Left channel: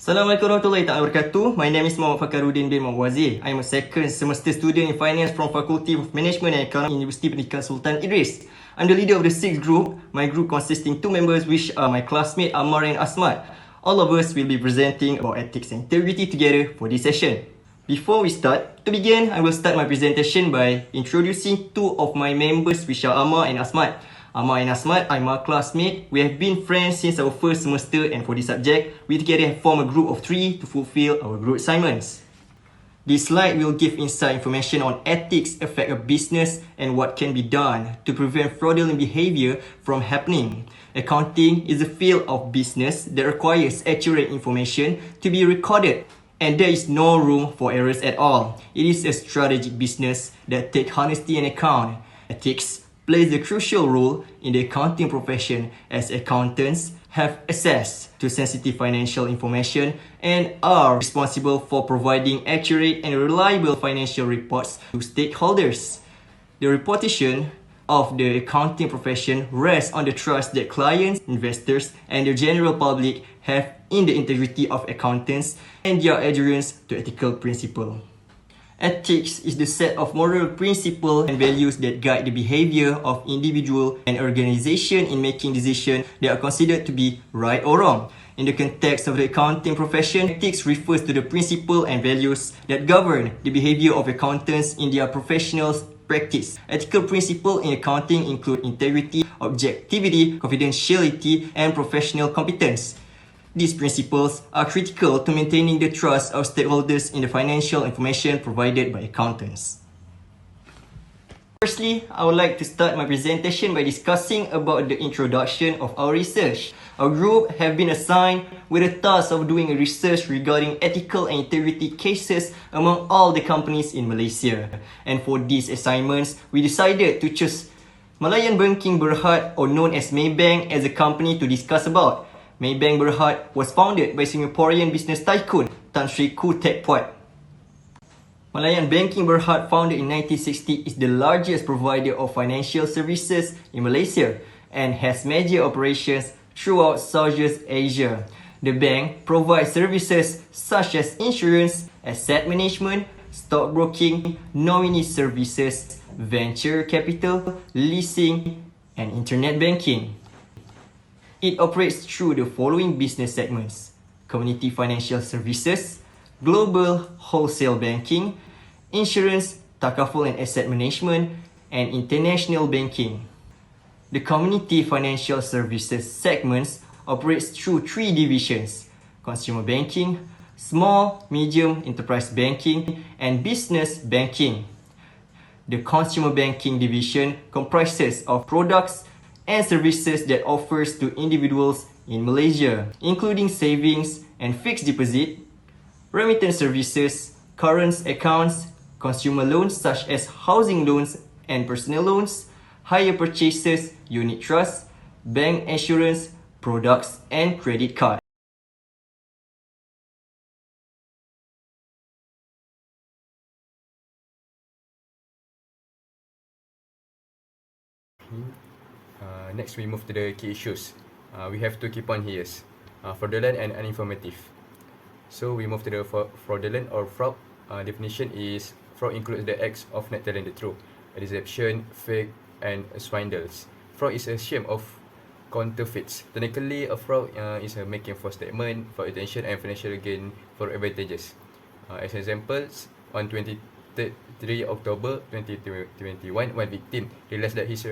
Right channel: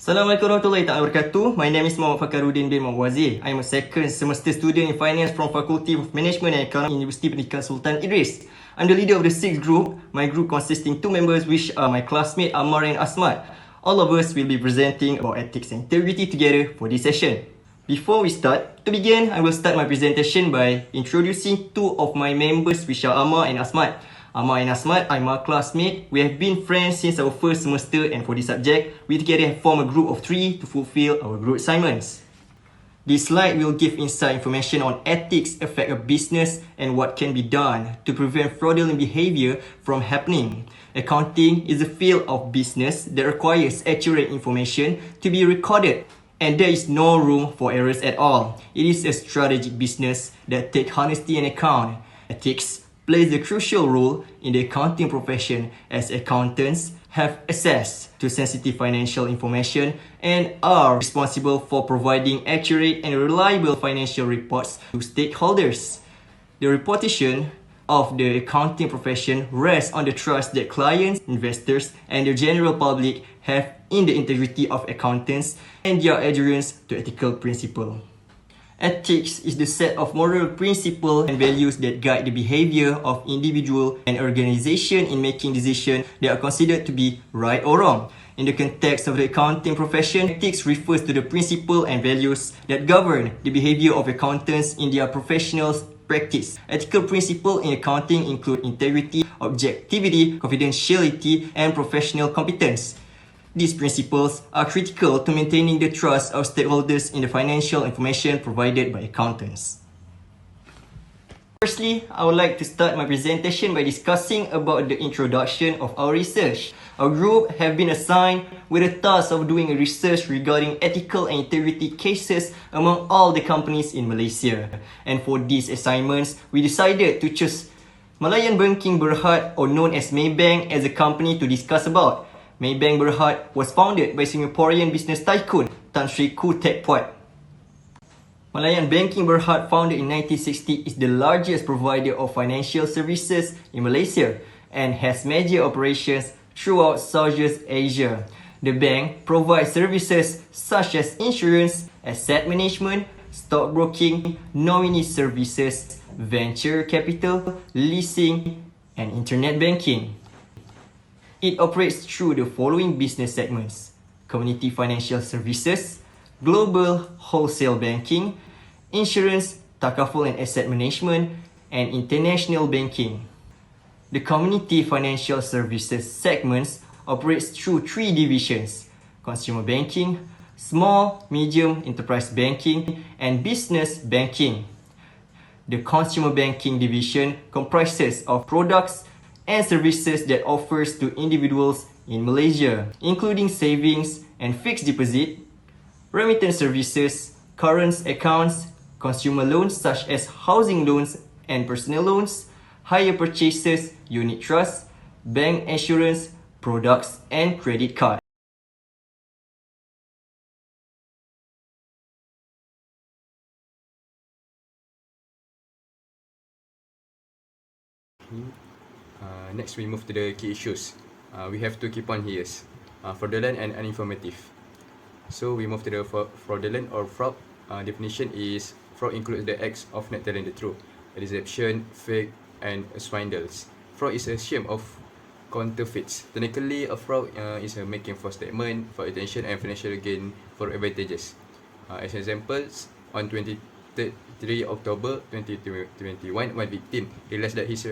Assalamualaikum warahmatullahi wabarakatuh. My name is Muhammad Fakaruddin bin Muhammad Wazir. I am a second semester student in finance from Faculty of Management and Economics, University Pendidikan Sultan Idris. I'm the leader of the sixth group. My group consisting two members, which are my classmates Ammar and Asmat. All of us will be presenting about ethics and integrity together for this session. Before we start, to begin, I will start my presentation by introducing two of my members, which are Ammar and Asmat. Ammar and Asmat are my classmates. We have been friends since our first semester, and for this subject, we together have formed a group of 3 to fulfill our group assignments. This slide will give inside information on ethics affect a business and what can be done to prevent fraudulent behavior from happening. Accounting is a field of business that requires accurate information to be recorded, and there is no room for errors at all. It is a strategic business that takes honesty into account. Ethics plays a crucial role in the accounting profession, as accountants have access to sensitive financial information and are responsible for providing accurate and reliable financial reports to stakeholders. The reputation of the accounting profession rests on the trust that clients, investors, and the general public have in the integrity of accountants and their adherence to ethical principles. Ethics is the set of moral principles and values that guide the behavior of individual and organization in making decisions that are considered to be right or wrong. In the context of the accounting profession, ethics refers to the principles and values that govern the behavior of accountants in their professional practice. Ethical principles in accounting include integrity, objectivity, confidentiality, and professional competence. These principles are critical to maintaining the trust of stakeholders in the financial information provided by accountants. Firstly, I would like to start my presentation by discussing about the introduction of our research. Our group have been assigned with the task of doing a research regarding ethical and integrity cases among all the companies in Malaysia. And for these assignments, we decided to choose Malayan Banking Berhad, or known as Maybank, as a company to discuss about. Maybank Berhad was founded by Singaporean business tycoon Tan Sri Koo Teck Puat. Malayan Banking Berhad, founded in 1960, is the largest provider of financial services in Malaysia and has major operations throughout Southeast Asia. The bank provides services such as insurance, asset management, stockbroking, nominee services, venture capital, leasing, and internet banking. It operates through the following business segments: community financial services, global wholesale banking, insurance, takaful and asset management, and international banking. The community financial services segments operates through 3 divisions: consumer banking, small, medium enterprise banking, and business banking. The consumer banking division comprises of products and services that offers to individuals in Malaysia, including savings and fixed deposit, remittance services, current accounts, consumer loans such as housing loans and personal loans, hire purchases, unit trusts, bank insurance, products, and credit card. Next, we move to the key issues. We have to keep on here. Fraudulent and uninformative. So we move to the fraudulent or fraud. Definition is fraud includes the acts of not telling the truth, a deception, fake, and swindles. Fraud is a scheme of counterfeits. Technically, a fraud is making false statement for attention and financial gain for advantages. As examples, on 23 October 2021, one victim realized that his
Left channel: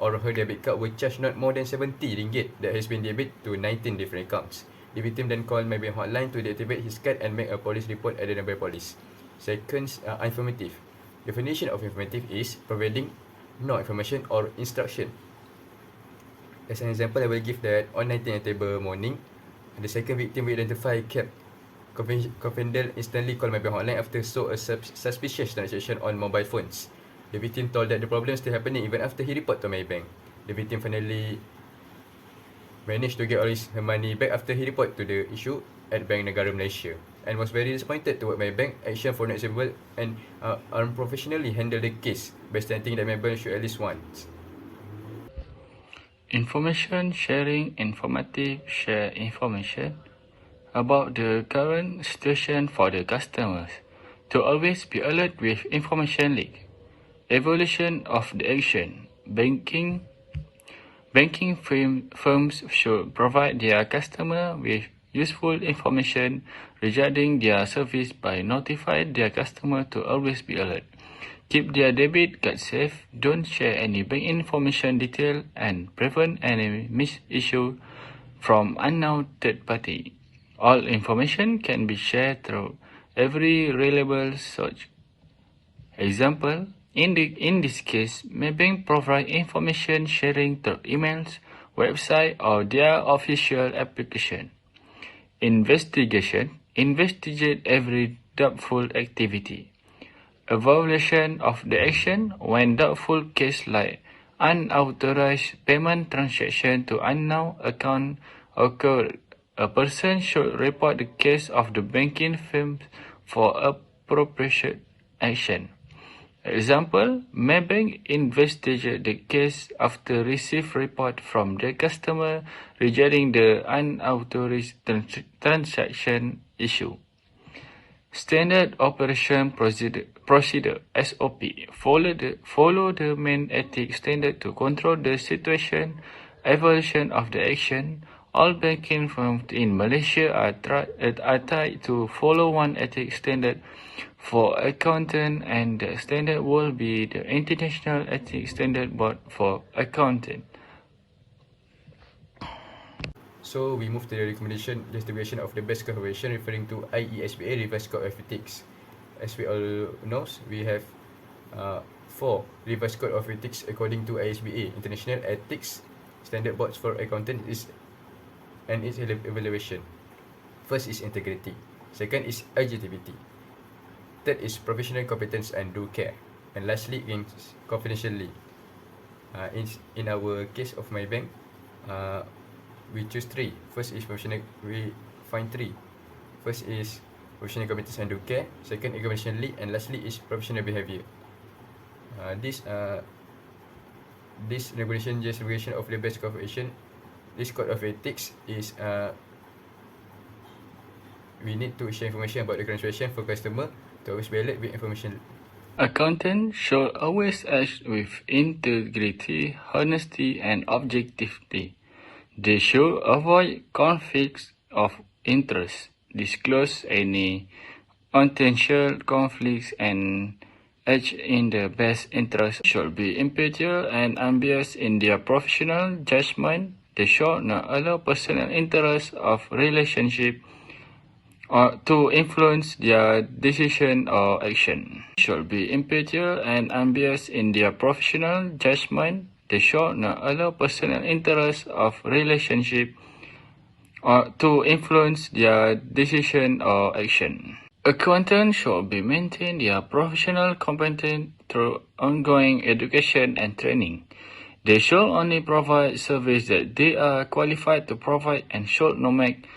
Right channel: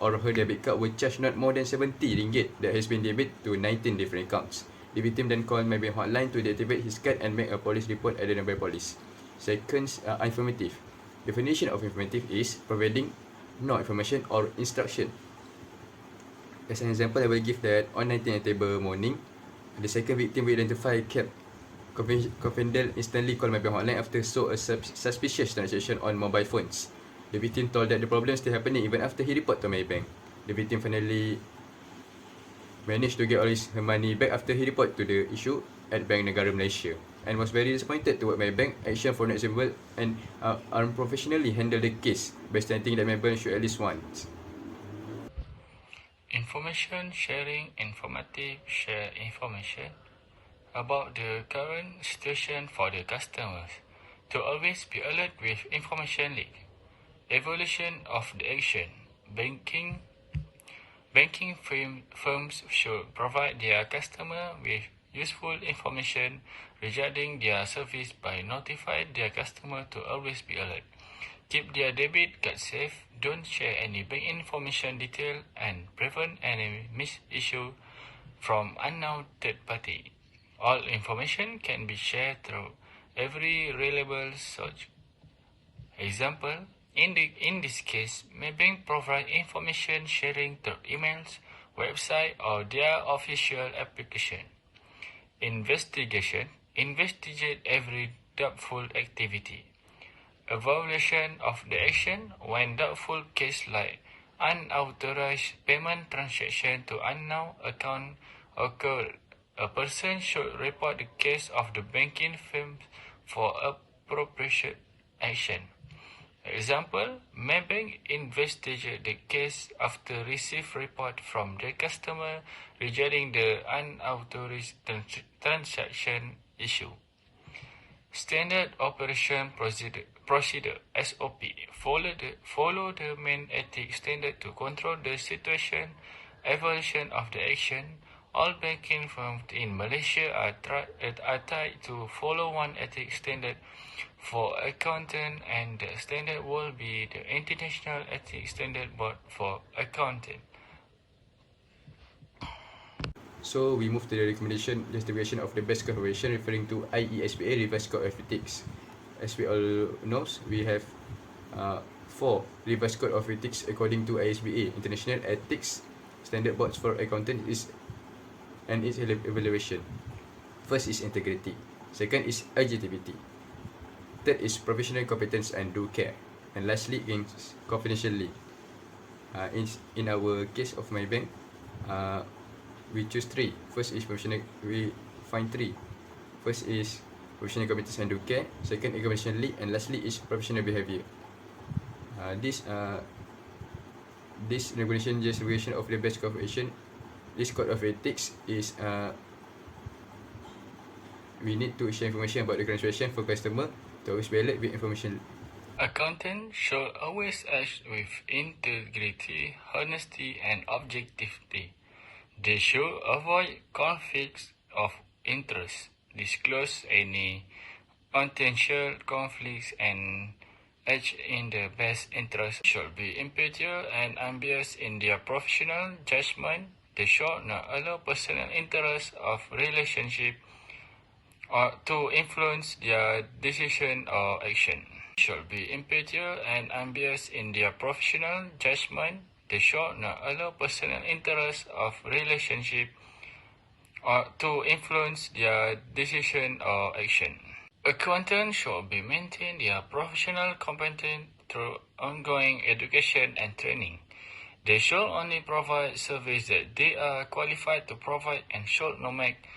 or her debit card will charge not more than RM70 that has been debited to 19 different accounts. The victim then called Maybank hotline to deactivate his card and make a police report at the nearby police. Second, informative. Definition of informative is providing no information or instruction. As an example, I will give that on 19 October morning, the second victim we identify kept confidential instantly called Maybank hotline after saw a suspicious transaction on mobile phones. The victim told that the problem is still happening even after he reported to Maybank. The victim finally managed to get all her money back after he reported to the issue at Bank Negara Malaysia, and was very disappointed toward Maybank action for not able and unprofessionally handle the case by stating that Maybank should at least once. Information sharing, informative, share information. about the current situation for the customers, to always be alert with information leak, evolution of the action. Banking firms should provide their customer with useful information regarding their service by notifying their customer to always be alert. Keep their debit card safe, don't share any bank information detail, and prevent any misissue from unknown third party. All information can be shared through every reliable source. Example, in this case, Maybank provide information sharing through emails, website, or their official application. Investigation, investigate every doubtful activity. Evaluation of the action when doubtful case like unauthorized payment transaction to unknown account occur. A person should report the case of the banking firm for appropriate action. Example, Maybank investigate the case after receive report from the customer regarding the unauthorized transaction issue. Standard Operation Procedure (SOP). Follow the main ethics standard to control the situation. Evaluation of the action. All banking firms in Malaysia are tied to follow one ethics standard for accountant, and the standard will be the International Ethics Standard Board for Accountant. So we move to the recommendation distribution of the best code of action referring to IESBA revised code of ethics. As we all know, we have 4 revised code of ethics according to IESBA, International Ethics Standard Boards for Accountants and its evaluation. First is integrity. Second is objectivity. Third is professional competence and due care. And lastly is confidentiality. In our case of my bank, we choose 3. First is professional. We find 3. First is professional competence and due care. Second is confidentiality, and lastly is professional behavior. This regulation justification of the best code of action. This code of ethics is we need to share information about the current situation for customer to always be alert with information. Accountants should always act with integrity, honesty, and objectivity. They should avoid conflicts of interest, disclose any potential conflicts, and act in the best interest. Should be impartial and unbiased in their professional judgment. They should not allow personal interest of relationship or to influence their decision or action. Should be impartial and unbiased in their professional judgment. They should not allow personal interest of relationship or to influence their decision or action. Accountants should be maintain their professional competence through ongoing education and training. They should only provide service that they are qualified to provide and should not make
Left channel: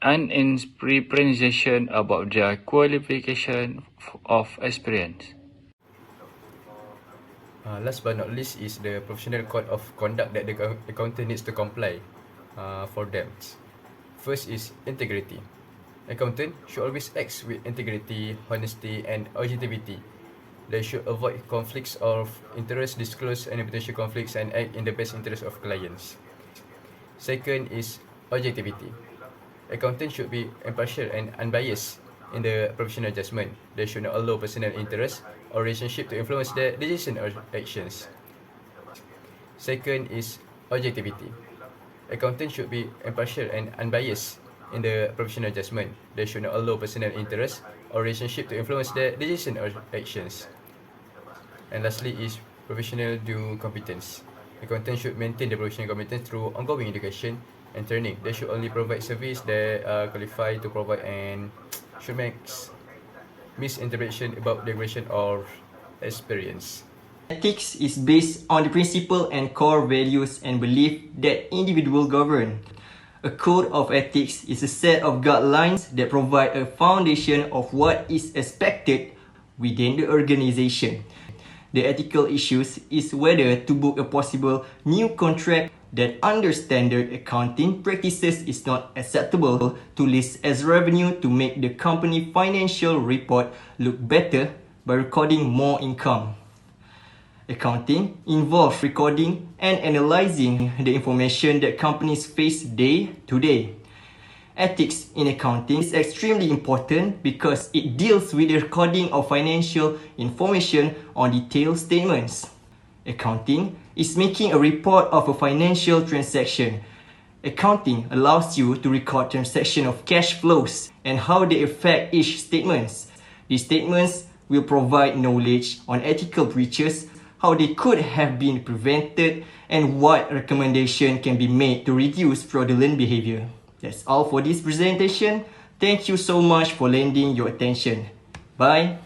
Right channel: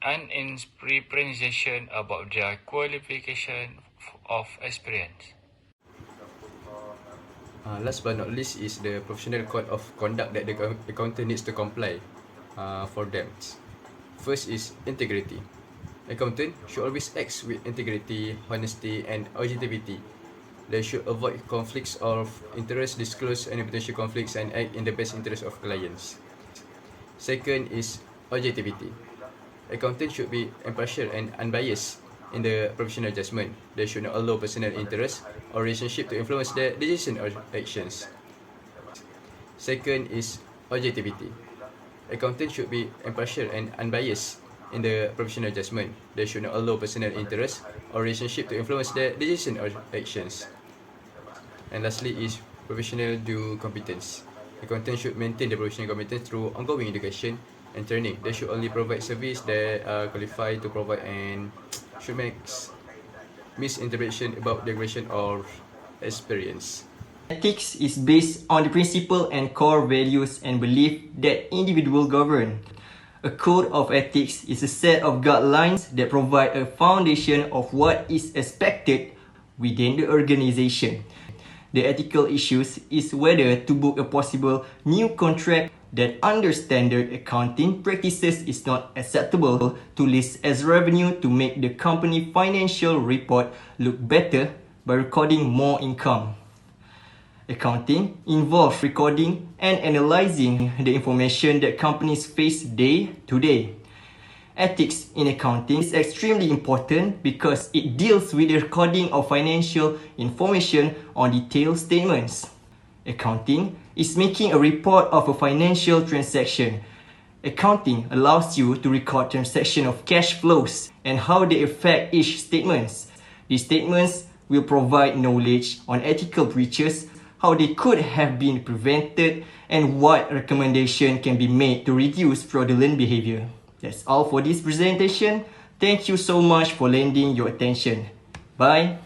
misrepresentation about their qualification of experience. Last but not least is the professional code of conduct that the accountant needs to comply for them. First is integrity. Accountant should always act with integrity, honesty, and objectivity. They should avoid conflicts of interest, disclose any potential conflicts, and act in the best interest of clients. Second is objectivity. Accountant should be impartial and unbiased in the professional judgment. They should not allow personal interest or relationship to influence their decision or actions. Second is objectivity. Accountant should be impartial and unbiased in the professional judgment. They should not allow personal interest or relationship to influence their decision or actions. And lastly is professional due competence. Accountant should maintain the professional competence through ongoing education and training. They should only provide service that are qualified to provide and should make misinterpretation about the regulation or experience. Ethics is based on the principle and core values and belief that individuals govern. A code of ethics is a set of guidelines that provide a foundation of what is expected within the organization. The ethical issues is whether to book a possible new contract that under standard accounting practices is not acceptable to list as revenue to make the company financial report look better by recording more income. Accounting involves recording and analyzing the information that companies face day to day. Ethics in accounting is extremely important because it deals with the recording of financial information on detailed statements. Accounting is making a report of a financial transaction. Accounting allows you to record transaction of cash flows and how they affect each statements. These statements will provide knowledge on ethical breaches, how they could have been prevented, and what recommendation can be made to reduce fraudulent behavior. That's all for this presentation. Thank you so much for lending your attention. Bye.